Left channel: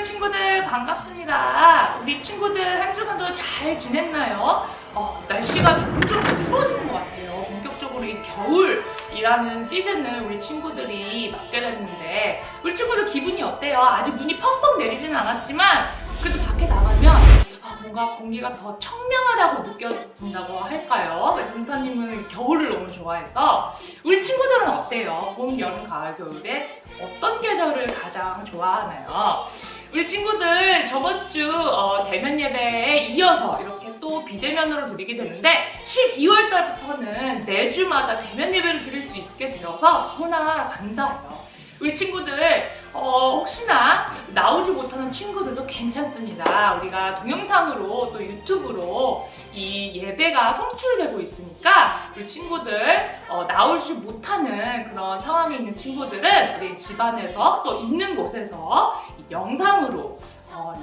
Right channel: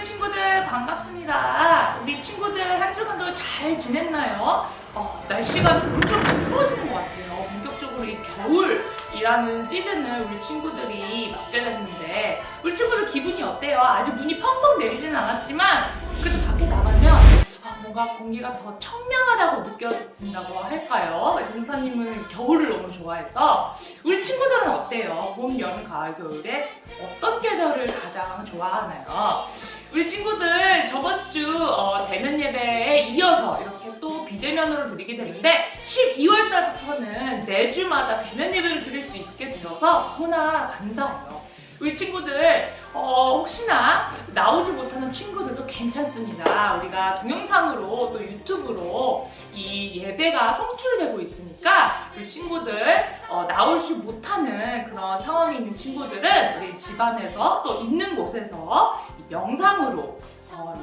친구들 반갑습니다. 우리 친구들 한 주간도 잘 지냈나요? 날씨가 점점 추워지는 것 같아요. 본격적으로 이 겨울이라는 시즌을 우리 친구들이 맞게 됐는데 우리 친구들 기분이 어때요? 아직 눈이 펑펑 내리지는 않았지만 그래도 밖에 나가면 뭔가 공기가 더 청량하다고 느껴진다고 할까요? 전도사님은 겨울을 너무 좋아해서 우리 친구들은 어때요? 봄, 여름, 가을, 겨울에 어떤 계절을 가장 좋아하나요? 우리 친구들 저번 주 대면 예배에 이어서 이렇게 또 비대면으로 드리게 되는데 12월 달부터는 매주마다 대면 예배를 드릴 수 있게 되어서 너무나 감사해요. 우리 친구들 혹시나 나오지 못하는 친구들도 괜찮습니다. 우리가 동영상으로 또 유튜브로 이 예배가 송출되고 있으니까 우리 친구들 나오지 못하는 그런 상황에 있는 친구들은 우리 집안에서 또 있는 곳에서 이 영상으로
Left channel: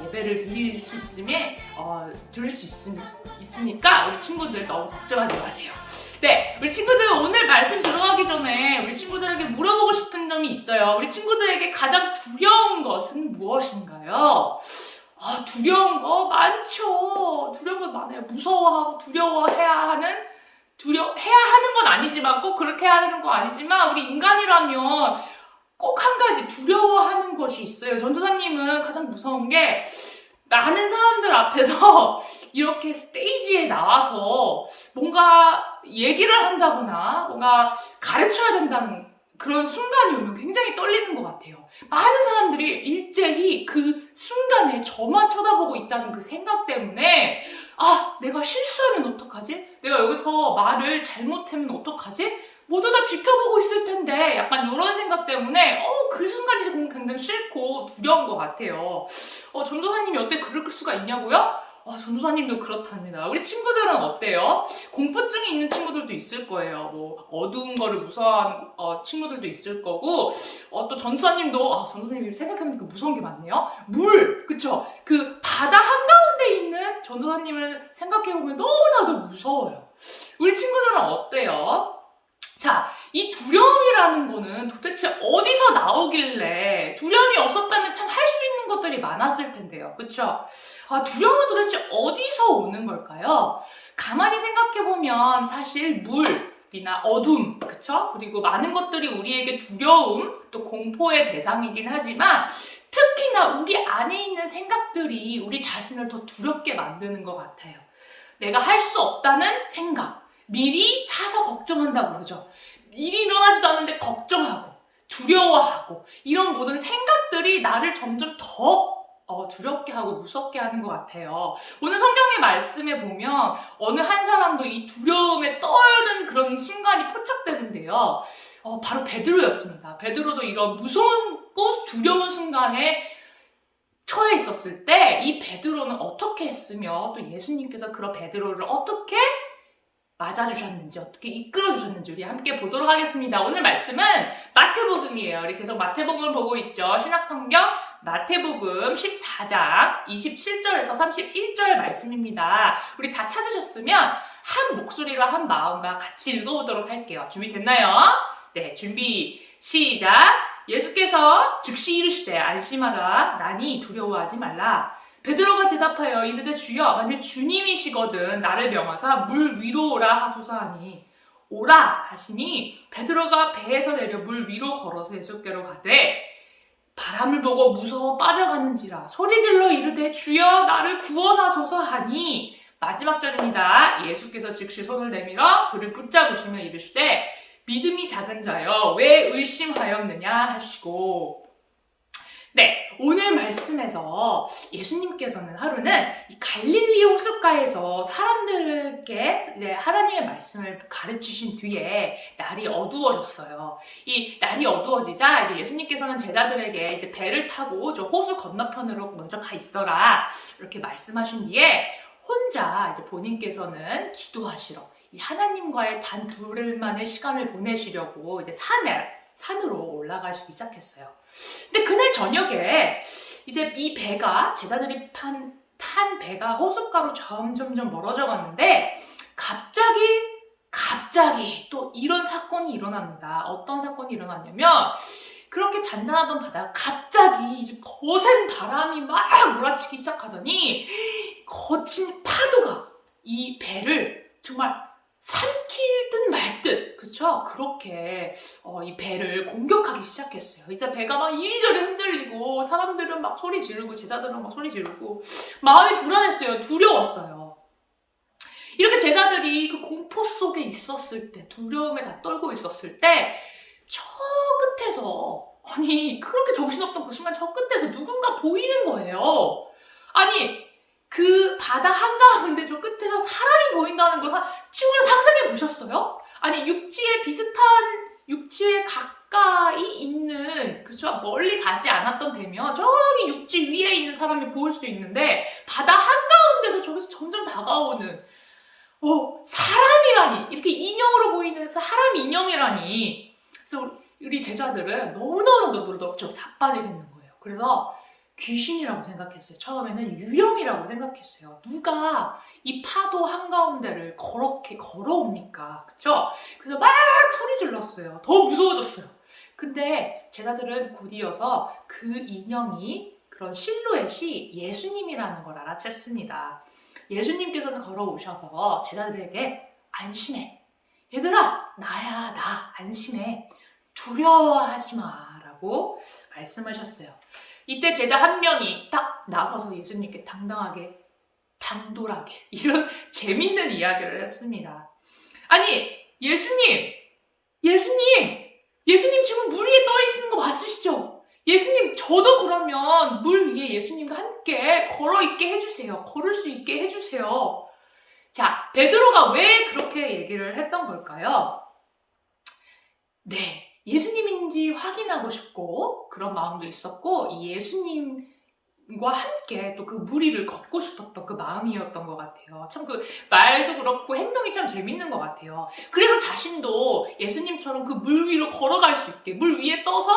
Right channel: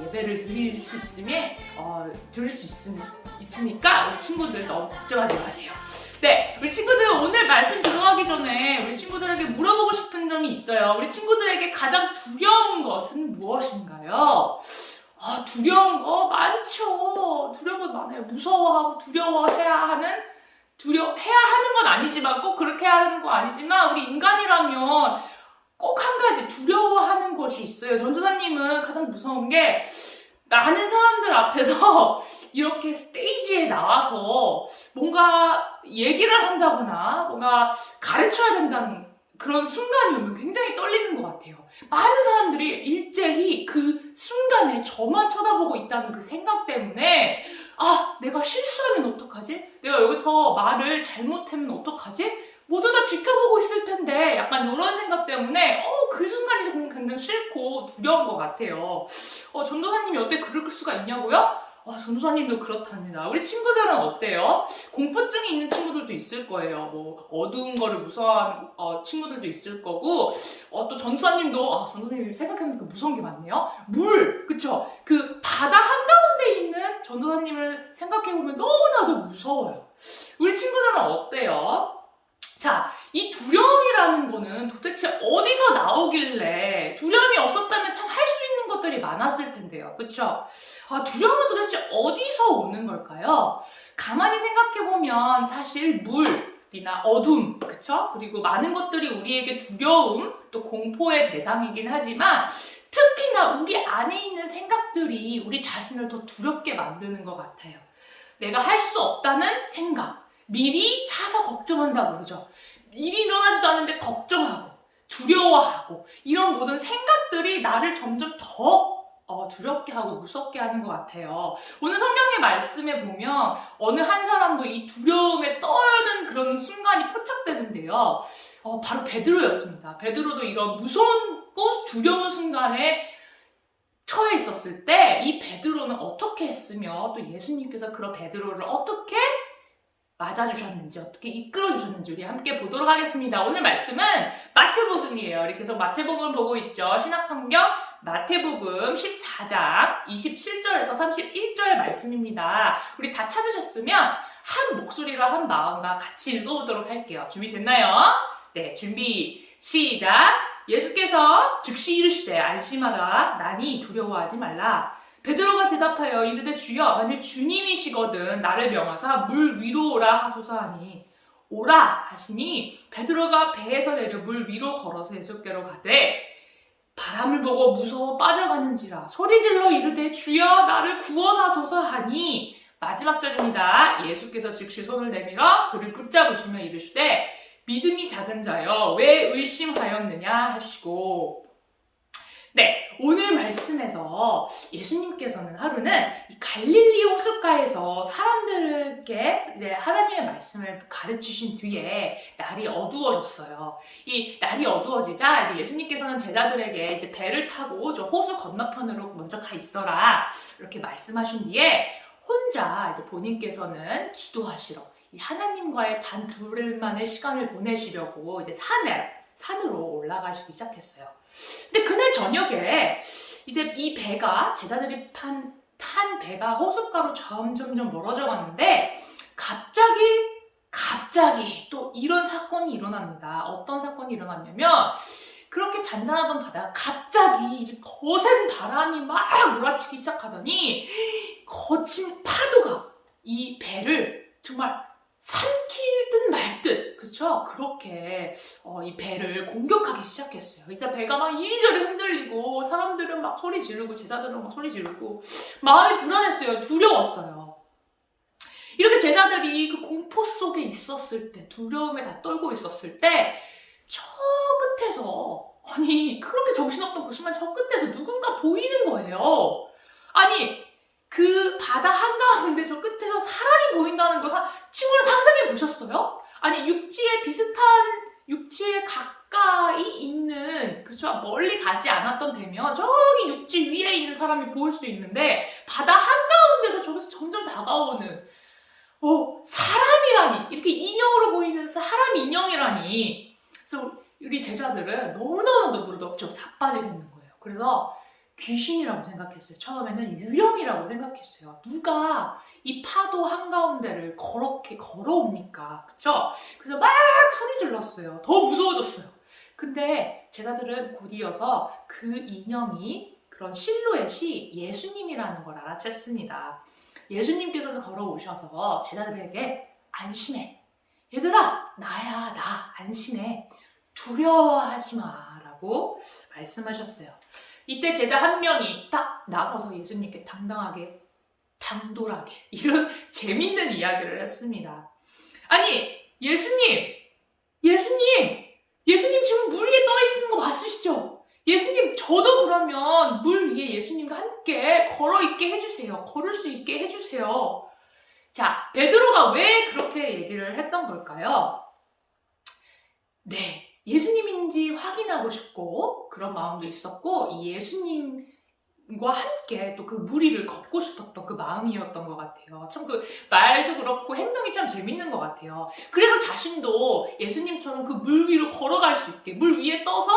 예배를 드릴 수 있으니까 우리 친구들 너무 걱정하지 마세요. 네, 우리 친구들 오늘 말씀 들어가기 전에 우리 친구들에게 물어보고 싶은 점이 있어요. 우리 친구들에게 가장 두려운 것은 무엇인가요? 두려운 거 많죠. 두려운 거 많아요. 무서워하고 두려워해야 하는 건 아니지만 꼭 그렇게 해야 하는 거 아니지만 우리 인간이라면 꼭 한 가지 두려워하는 것이 있어요. 전도사님은 가장 무서운 게 많은 사람들 앞에서 이렇게 스테이지에 나와서 뭔가 얘기를 한다거나 뭔가 가르쳐야 된다는 그런 순간이 오면 굉장히 떨리는 것 같아요. 많은 사람들이 일제히 그 순간에 저만 쳐다보고 있다는 그 생각 때문에 내가 실수하면 어떡하지? 내가 여기서 말을 잘못하면 어떡하지? 모두 다 지켜보고 있을 텐데 약간 이런 생각 때문에 그 순간이 굉장히 싫고 두려운 것 같아요. 전도사님이 어때 그럴 수가 있냐고요? 전도사님도 그렇답니다. 우리 친구들은 어때요? 공포증이 있는 친구들도 있을 거예요. 뭐 어두운 거를 무서워하는 친구들도 있을 거고 또 전도사님도 전도사님 생각해보니까 무서운 게 많네요. 물! 그쵸? 그 바다 한가운데 있는 전도사님을 생각해보면 너무나도 무서워요. 우리 친구들은 어때요? 자, 이 두려움이라는 거는 도대체 어디서 나오길래 두려움이 없었다면 참 할 수 있는 것들이 많았을 텐데요. 그쵸? 두려움은 도대체 어디서 오는 걸까요? 가만히 생각해보면 사실 물이나 어둠, 그쵸? 그리고 많은 것들이 우리에게 두려움, 또 공포의 대상이긴 하지만 특히나 우리 안에 있는 생각들이 우리 자신을 더 두렵게 만드는 것 같아요. 내가 할 수 없다는 생각. 미리 사서 걱정한다고 그러죠. 일이 일어나지도 않는데 걱정하고 두려워하고 이런 모든 생각들이 나를 점점 더 두렵게 하고 무섭게 하는 것 같아요. 오늘 성경의 말씀에 보면 어느 한 사람도 이 두려움에 떠는 그런 순간이 포착되는데요. 바로 베드로였습니다. 베드로도 이런 무서운고 두려운 순간에 처해 있었을 때 이 베드로는 어떻게 했으며 또 예수님께서 그런 베드로를 어떻게 맞아주셨는지 어떻게 이끌어주셨는지 우리 함께 보도록 하겠습니다. 오늘 말씀은 마태복음이에요. 우리 계속 마태복음을 보고 있죠. 신약성경 마태복음 14장 27절에서 31절 말씀입니다. 우리 다 찾으셨으면 한 목소리로 한 마음과 같이 읽어보도록 할게요. 준비됐나요? 네, 준비 시작! 예수께서 즉시 이르시되 안심하라 나니 두려워하지 말라. 베드로가 대답하여 이르되 주여 만일 주님이시거든 나를 명하사 물 위로 오라 하소서 하니 오라 하시니 베드로가 배에서 내려 물 위로 걸어서 예수께로 가되 바람을 보고 무서워 빠져가는지라 소리질러 이르되 주여 나를 구원하소서 하니 마지막 절입니다. 예수께서 즉시 손을 내밀어 그를 붙잡으시며 이르시되 믿음이 작은 자여 왜 의심하였느냐 하시고 네, 오늘 말씀에서 예수님께서는 하루는 이 갈릴리 호숫가에서 사람들에게 하나님의 말씀을 가르치신 뒤에 날이 어두워졌어요. 이 날이 어두워지자 이제 예수님께서는 제자들에게 이제 배를 타고 저 호수 건너편으로 먼저 가 있어라 이렇게 말씀하신 뒤에 혼자 이제 본인께서는 기도하시러 이 하나님과의 단 둘만의 시간을 보내시려고 이제 산으로 올라가시기 시작했어요. 근데 그날 저녁에 이제 이 배가 제자들이 탄 배가 호숫가로 점점점 멀어져 갔는데 갑자기 또 이런 사건이 일어납니다. 어떤 사건이 일어났냐면 그렇게 잔잔하던 바다가 갑자기 이제 거센 바람이 막 몰아치기 시작하더니 거친 파도가 이 배를 정말 삼킬 듯 말 듯, 그쵸? 그렇게 이 배를 공격하기 시작했어요. 이제 배가 막 이리저리 흔들리고 사람들은 막 소리 지르고 제자들은 막 소리 지르고 마음이 불안했어요. 두려웠어요. 이렇게 제자들이 그 공포 속에 있었을 때, 두려움에 다 떨고 있었을 때 저 끝에서, 아니 그렇게 정신없던 그 순간 저 끝에서 누군가 보이는 거예요. 아니 그 바다 한가운데 저 끝에서 사람이 보인다는 걸 친구는 상상해 보셨어요? 아니 육지에 가까이 있는, 그렇죠? 멀리 가지 않았던 배면 저기 육지 위에 있는 사람이 보일 수도 있는데 바다 한가운데서 저기서 점점 다가오는 사람이라니, 이렇게 인형으로 보이는 사람 인형이라니. 그래서 우리 제자들은 너무너무 자빠지겠는 거예요. 그래서 귀신이라고 생각했어요. 처음에는 유령이라고 생각했어요. 누가 이 파도 한가운데를 그렇게 걸어옵니까? 그쵸? 그래서 막 소리 질렀어요. 더 무서워졌어요. 근데 제자들은 곧이어서 그 인형이, 그런 실루엣이 예수님이라는 걸 알아챘습니다. 예수님께서는 걸어오셔서 제자들에게 안심해. 얘들아, 나야, 나. 안심해. 두려워하지 마. 라고 말씀하셨어요. 이때 제자 한 명이 딱 나서서 예수님께 당당하게, 당돌하게 이런 재밌는 이야기를 했습니다. 아니, 예수님 지금 물 위에 떠 있는 거 맞으시죠? 예수님, 저도 그러면 물 위에 예수님과 함께 걸을 수 있게 해주세요. 자, 베드로가 왜 그렇게 얘기를 했던 걸까요? 네, 예수님인지 확인하고 싶고 그런 마음도 있었고, 이 예수님과 함께 또 그 물 위를 걷고 싶었던 그 마음이었던 것 같아요. 참 그 말도 그렇고 행동이 참 재밌는 것 같아요. 그래서 자신도 예수님처럼 그 물 위로 걸어갈 수 있게, 물 위에 떠서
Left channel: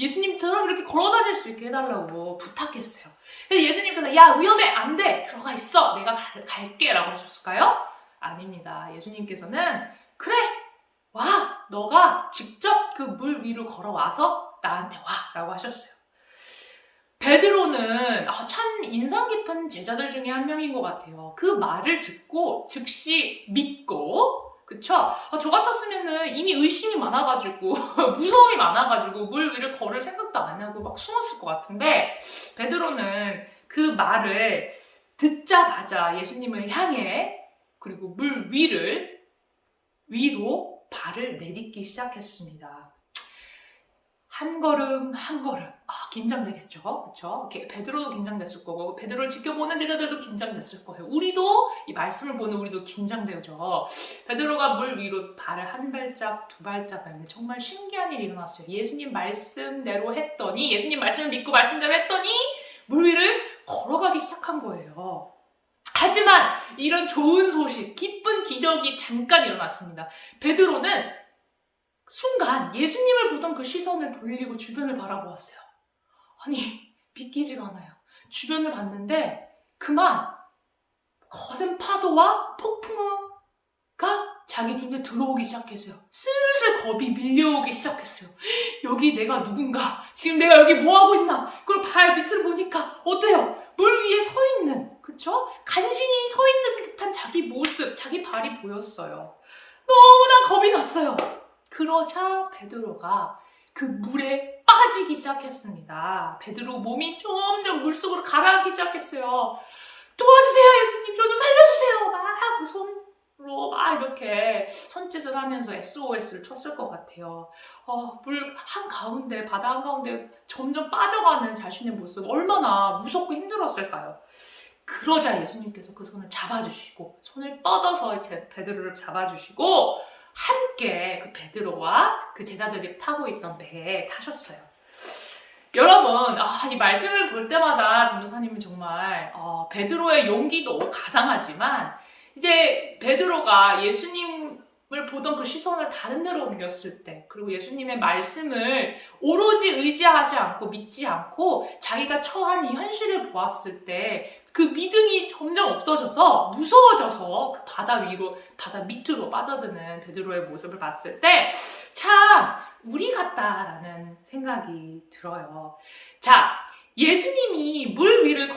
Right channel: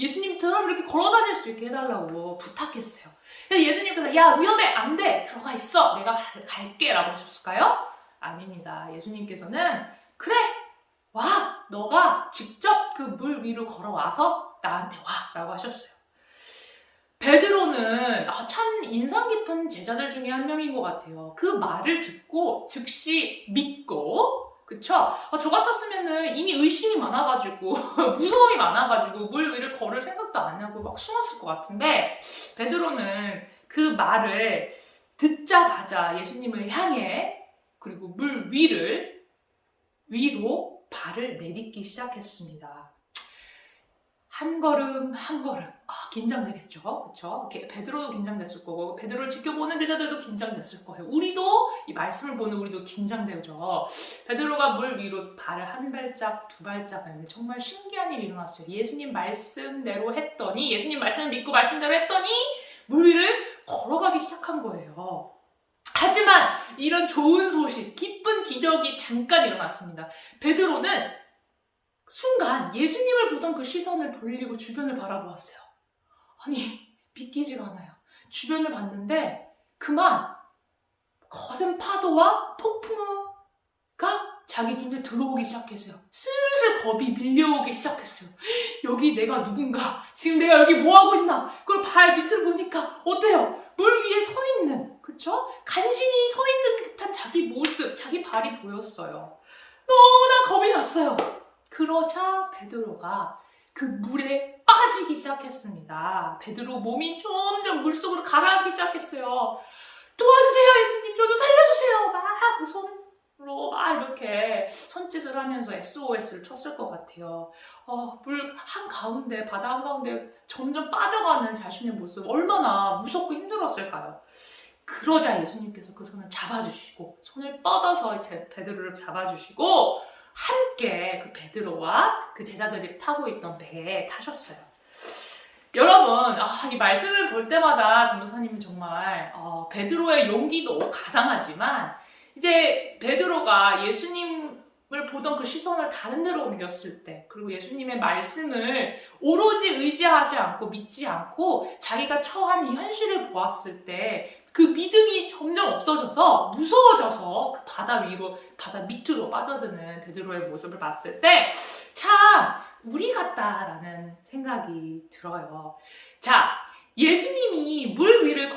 예수님처럼 이렇게 걸어다닐 수 있게 해달라고 부탁했어요. 그래서 예수님께서 야, 위험해, 안 돼, 들어가 있어, 내가 갈게 라고 하셨을까요? 아닙니다. 예수님께서는 그래, 와, 너가 직접 그 물 위로 걸어와서 나한테 와 라고 하셨어요. 베드로는 참 인상 깊은 제자들 중에 한 명인 것 같아요. 그 말을 듣고 즉시 믿고, 그쵸? 저 같았으면은 이미 의심이 많아가지고 무서움이 많아가지고 물 위를 걸을 생각도 안 하고 막 숨었을 것 같은데, 베드로는 그 말을 듣자마자 예수님을 향해, 그리고 물 위로 발을 내딛기 시작했습니다. 한 걸음 한 걸음. 긴장되겠죠? 그쵸? 베드로도 긴장됐을 거고, 베드로를 지켜보는 제자들도 긴장됐을 거예요. 우리도, 이 말씀을 보는 우리도 긴장되죠. 베드로가 물 위로 발을 한 발짝, 두 발짝 하는데 정말 신기한 일이 일어났어요. 예수님 말씀대로 했더니, 예수님 말씀을 믿고 말씀대로 했더니 물 위를 걸어가기 시작한 거예요. 하지만 이런 좋은 소식, 기쁜 기적이 잠깐 일어났습니다. 베드로는 순간 예수님을 보던 그 시선을 돌리고 주변을 바라보았어요. 아니, 믿기지가 않아요. 주변을 봤는데 그만 거센 파도와 폭풍우가 자기 눈에 들어오기 시작했어요. 슬슬 겁이 밀려오기 시작했어요. 여기 내가 누군가? 지금 내가 여기 뭐하고 있나? 그걸 발 밑을 보니까 어때요? 물 위에 서 있는, 그쵸? 간신히 서 있는 듯한 자기 모습, 자기 발이 보였어요. 너무나 겁이 났어요. 그러자 베드로가 그 물에 빠지기 시작했습니다. 베드로 몸이 점점 물속으로 가라앉기 시작했어요. 도와주세요, 예수님, 저 좀 살려주세요. 막 그 손으로 막 이렇게 손짓을 하면서 SOS를 쳤을 것 같아요. 물 한가운데, 바다 한가운데 점점 빠져가는 자신의 모습, 얼마나 무섭고 힘들었을까요? 그러자 예수님께서 그 손을 잡아주시고, 손을 뻗어서 베드로를 잡아주시고 함께 그 베드로와 그 제자들이 타고 있던 배에 타셨어요. 여러분, 이 말씀을 볼 때마다 전도사님은 정말 베드로의 용기도 가상하지만, 이제 베드로가 예수님을 보던 그 시선을 다른 데로 옮겼을 때, 그리고 예수님의 말씀을 오로지 의지하지 않고 믿지 않고 자기가 처한 이 현실을 보았을 때 그 믿음이 점점 없어져서 무서워져서 그 바다 밑으로 빠져드는 베드로의 모습을 봤을 때 참 우리 같다라는 생각이 들어요. 자, 예수님이 물 위를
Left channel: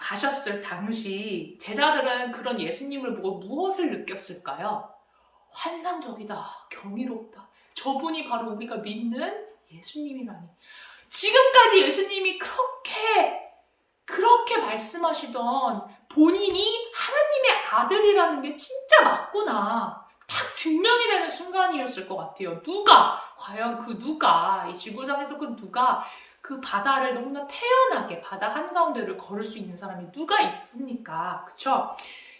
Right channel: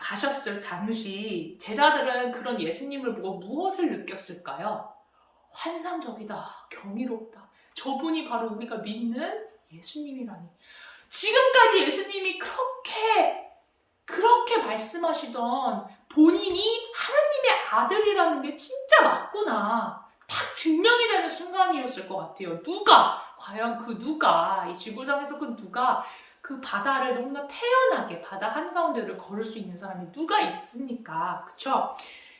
가셨을 당시 제자들은 그런 예수님을 보고 무엇을 느꼈을까요? 환상적이다, 경이롭다. 저분이 바로 우리가 믿는 예수님이라니. 지금까지 예수님이 그렇게 말씀하시던 본인이 하나님의 아들이라는 게 진짜 맞구나. 딱 증명이 되는 순간이었을 것 같아요. 과연 그 누가, 이 지구상에서 그 누가 그 바다를 너무나 태연하게 바다 한가운데를 걸을 수 있는 사람이 누가 있습니까? 그쵸?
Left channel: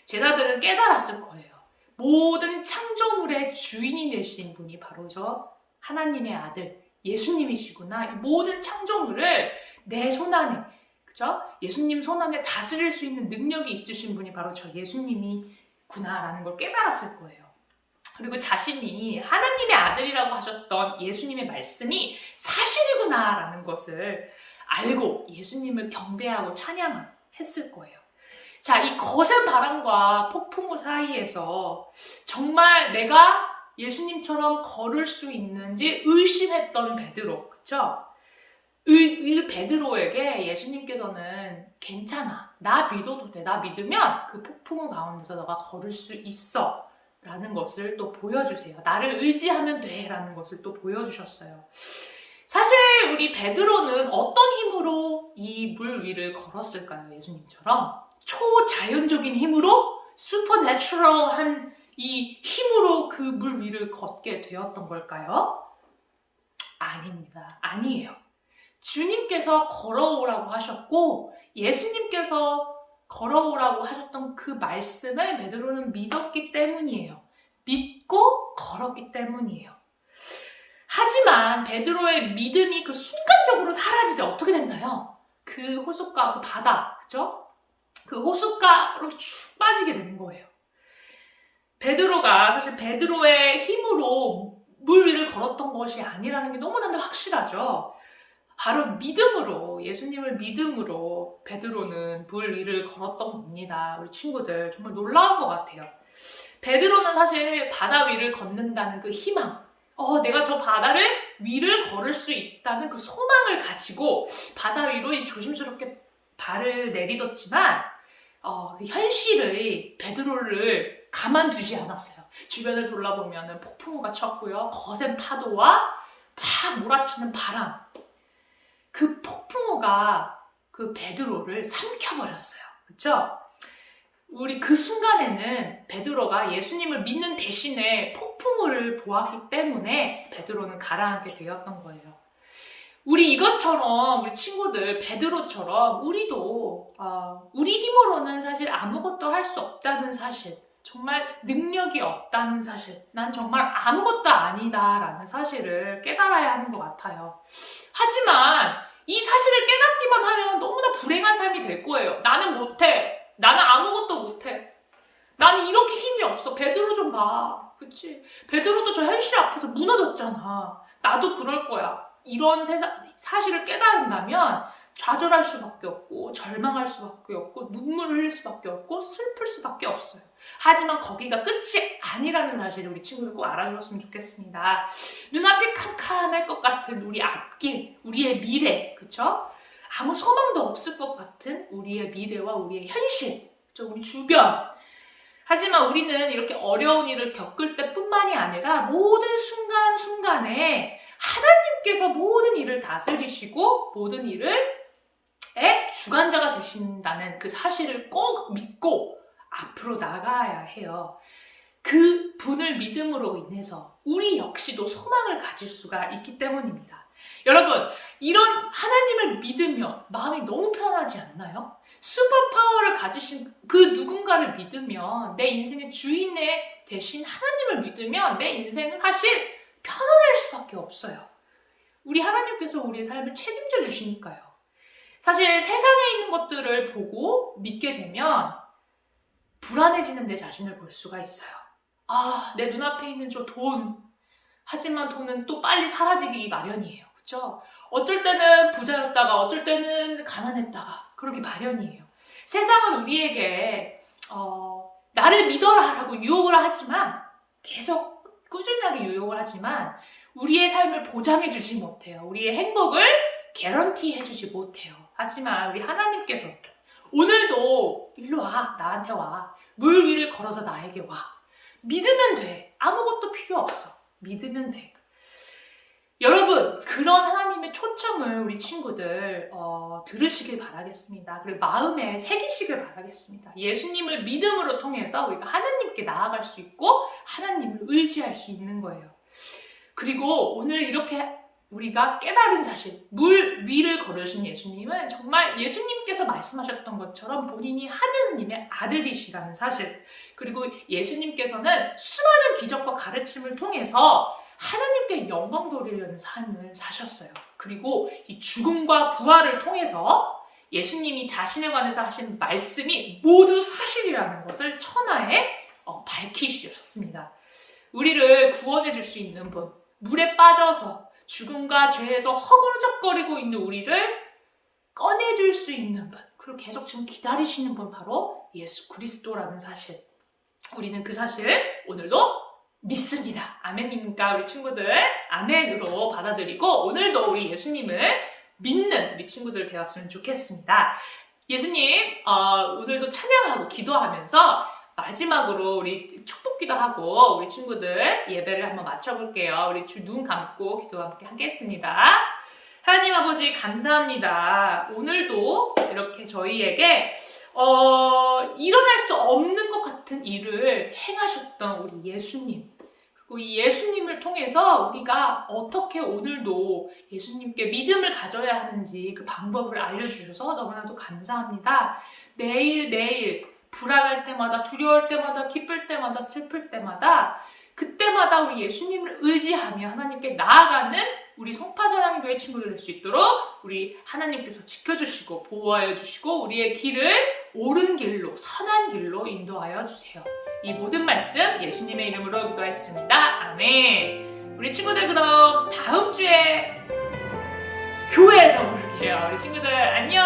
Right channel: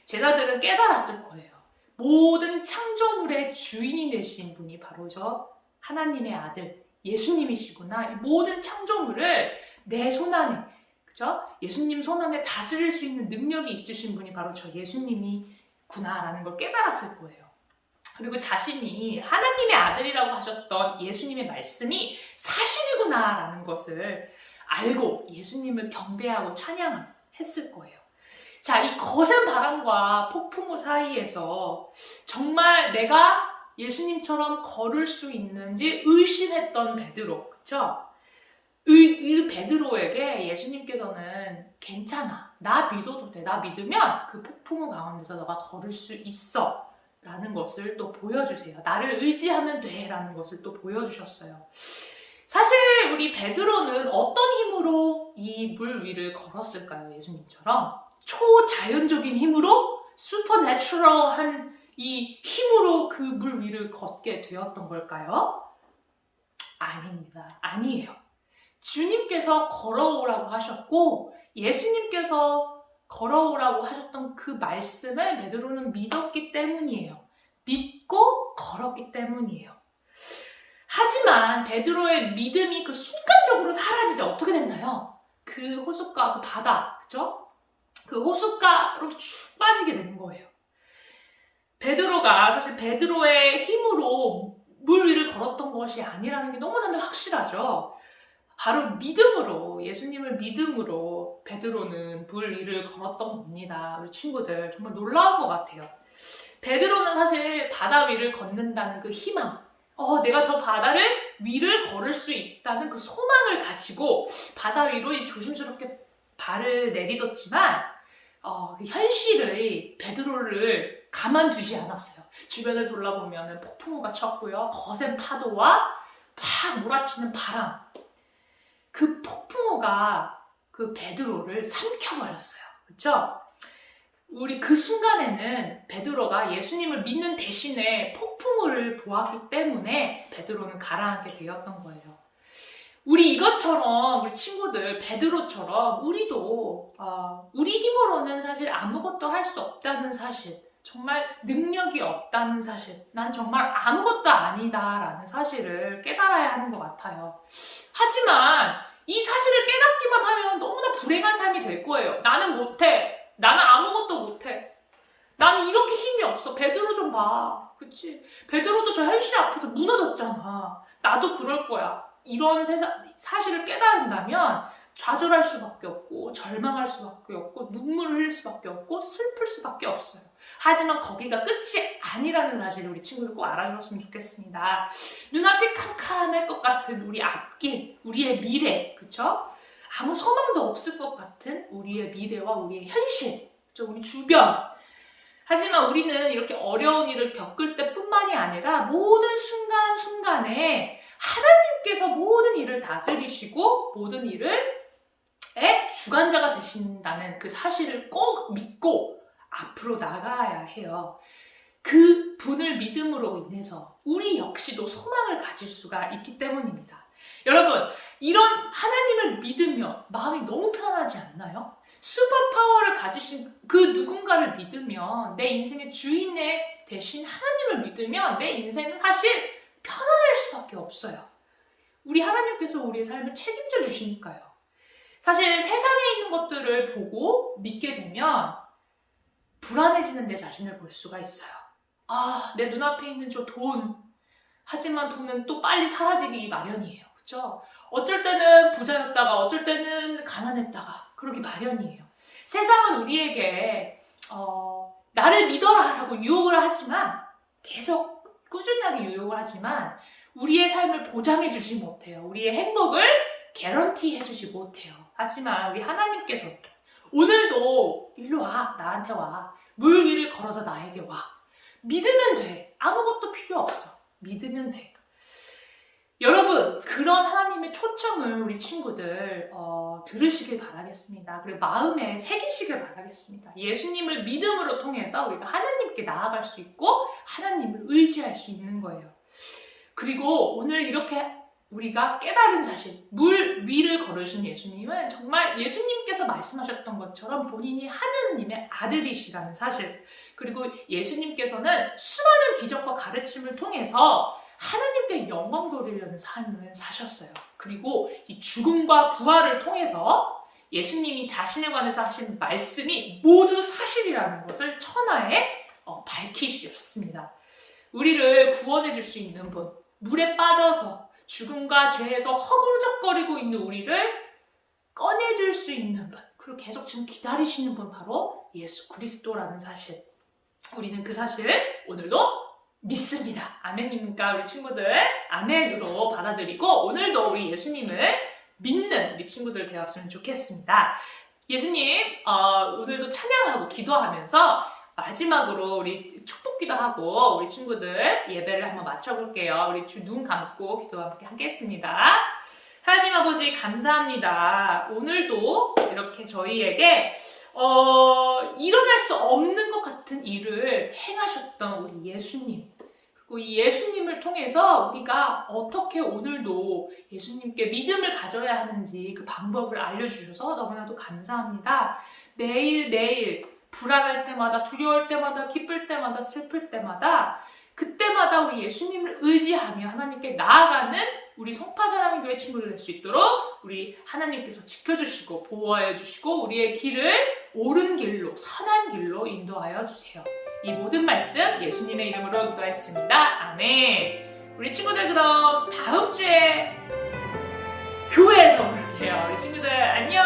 제자들은 깨달았을 거예요. 모든 창조물의 주인이 되신 분이 바로 저 하나님의 아들 예수님이시구나. 이 모든 창조물을 내 손 안에, 그죠? 예수님 손 안에 다스릴 수 있는 능력이 있으신 분이 바로 저 예수님이구나라는 걸 깨달았을 거예요. 그리고 자신이 하나님의 아들이라고 하셨던 예수님의 말씀이 사실이구나라는 것을 알고 예수님을 경배하고 찬양했을 거예요. 자, 이 거센 바람과 폭풍우 사이에서 정말 내가 예수님처럼 걸을 수 있는지 의심했던 베드로, 그쵸? 이 베드로에게 예수님께서는 괜찮아, 나 믿어도 돼, 나 믿으면 그 폭풍우 가운데서 너가 걸을 수 있어 라는 것을 또 보여주세요. 나를 의지하면 돼 라는 것을 또 보여주셨어요. 사실 우리 베드로는 어떤 힘으로 이 물 위를 걸었을까요? 예수님처럼 초자연적인 힘으로, 슈퍼내추럴한 이 힘으로 그 물 위를 걷게 되었던 걸까요? 아닙니다. 아니에요. 주님께서 걸어오라고 하셨고 예수님께서 걸어오라고 하셨던 그 말씀을 베드로는 믿었기 때문이에요. 믿고 걸었기 때문이에요. 하지만 베드로의 믿음이 그 순간적으로 사라지자 어떻게 됐나요? 그 호숫가, 그 바다, 그죠? 그 호숫가로 쭉 빠지게 되는 거예요. 베드로가 사실 베드로의 힘으로 물 위를 걸었던 것이 아니라는 게 너무나도 확실하죠. 바로 믿음으로, 예수님을 믿음으로 베드로는 물 위를 걸었던 겁니다. 우리 친구들 정말 놀라운 것 같아요. 베드로는 사실 바다 위를 걷는다는 그 희망, 내가 저 바다를 위를 걸을 수 있다는 그 소망을 가지고 바다 위로 조심스럽게 발을 내딛었지만 그 현실의 베드로를 가만두지 않았어요. 주변을 돌아보면 폭풍우가 쳤고요. 거센 파도와 막 몰아치는 바람. 그 폭풍우가 그 베드로를 삼켜버렸어요. 그렇죠? 우리 그 순간에는 베드로가 예수님을 믿는 대신에 폭풍우를 보았기 때문에 베드로는 가라앉게 되었던 거예요. 우리 이것처럼, 우리 친구들 베드로처럼 우리도 우리 힘으로는 사실 아무것도 할 수 없다는 사실, 정말 능력이 없다는 사실, 난 정말 아무것도 아니다라는 사실을 깨달아야 하는 것 같아요. 하지만 이 사실을 깨닫기만 하면 너무나 불행한 삶이 될 거예요. 나는 못해. 나는 아무것도 못해. 나는 이렇게 힘이 없어. 베드로 좀 봐. 그치? 베드로도 저 현실 앞에서 무너졌잖아. 나도 그럴 거야. 이런 사실을 깨달은다면 좌절할 수밖에 없고 절망할 수밖에 없고 눈물을 흘릴 수밖에 없고 슬플 수밖에 없어요. 하지만 거기가 끝이 아니라는 사실을 우리 친구들 꼭 알아주었으면 좋겠습니다. 눈앞이 캄캄할 것 같은 우리 앞길, 우리의 미래, 그쵸? 아무 소망도 없을 것 같은 우리의 미래와 우리의 현실, 그쵸? 우리 주변. 하지만 우리는 이렇게 어려운 일을 겪을 때뿐만이 아니라 모든 순간순간에 하나님께서 모든 일을 다스리시고 모든 일을 주관자가 되신다는 그 사실을 꼭 믿고 앞으로 나가야 해요. 그 분을 믿음으로 인해서 우리 역시도 소망을 가질 수가 있기 때문입니다. 여러분, 이런 하나님을 믿으면 마음이 너무 편하지 않나요? 슈퍼파워를 가지신 그 누군가를 믿으면, 내 인생의 주인에 대신 하나님을 믿으면 내 인생은 사실 편안할 수밖에 없어요. 우리 하나님께서 우리의 삶을 책임져 주시니까요. 사실 세상에 있는 것들을 보고 믿게 되면 불안해지는 내 자신을 볼 수가 있어요. 내 눈앞에 있는 저 돈. 하지만 돈은 또 빨리 사라지기 마련이에요. 그렇죠? 어쩔 때는 부자였다가 어쩔 때는 가난했다가 그러기 마련이에요. 세상은 우리에게 나를 믿어라 라고 유혹을 하지만, 계속 꾸준하게 유혹을 하지만 우리의 삶을 보장해주지 못해요. 우리의 행복을 개런티해주지 못해요. 하지만 우리 하나님께서 오늘도 일로 와, 나한테 와. 물 위를 걸어서 나에게 와. 믿으면 돼. 아무것도 필요 없어. 믿으면 돼. 여러분, 그런 하나님의 초청을 우리 친구들 들으시길 바라겠습니다. 그리고 마음에 새기시길 바라겠습니다. 예수님을 믿음으로 통해서 우리가 하나님께 나아갈 수 있고 하나님을 의지할 수 있는 거예요. 그리고 오늘 이렇게 우리가 깨달은 사실, 물 위를 걸으신 예수님은 정말 예수님께서 말씀하셨던 것처럼 본인이 하느님의 아들이시라는 사실, 그리고 예수님께서는 수많은 기적과 가르침을 통해서 하나님께 영광 돌리려는 삶을 사셨어요. 그리고 이 죽음과 부활을 통해서 예수님이 자신에 관해서 하신 말씀이 모두 사실이라는 것을 천하에 밝히셨습니다. 우리를 구원해 줄 수 있는 분, 물에 빠져서 죽음과 죄에서 허구적거리고 있는 우리를 꺼내줄 수 있는 분, 그리고 계속 지금 기다리시는 분, 바로 예수 그리스도라는 사실. 우리는 그 사실을 오늘도 믿습니다. 아멘입니까? 우리 친구들 아멘으로 받아들이고 오늘도 우리 예수님을 믿는 우리 친구들 되었으면 좋겠습니다. 예수님 오늘도 찬양하고 기도하면서 마지막으로 우리 축복기도 하고 우리 친구들 예배를 한번 마쳐볼게요. 우리 눈 감고 기도 함께 하겠습니다. 하나님 아버지 감사합니다. 오늘도 이렇게 저희에게 일어날 수 없는 것 같은 일을 행하셨던 우리 예수님, 그리고 이 예수님을 통해서 우리가 어떻게 오늘도 예수님께 믿음을 가져야 하는지 그 방법을 알려주셔서 너무나도 감사합니다. 매일매일 불안할 때마다, 두려울 때마다, 기쁠 때마다, 슬플 때마다, 그때마다 우리 예수님을 의지하며 하나님께 나아가는 우리 송파사랑의 교회 친구들 될 수 있도록 우리 하나님께서 지켜주시고 보호하여 주시고 우리의 길을 옳은 길로, 선한 길로 인도하여 주세요. 이 모든 말씀 예수님의 이름으로 기도했습니다. 아멘. 우리 친구들 그럼 다음 주에 교회에서 볼게요. 우리 친구들 안녕.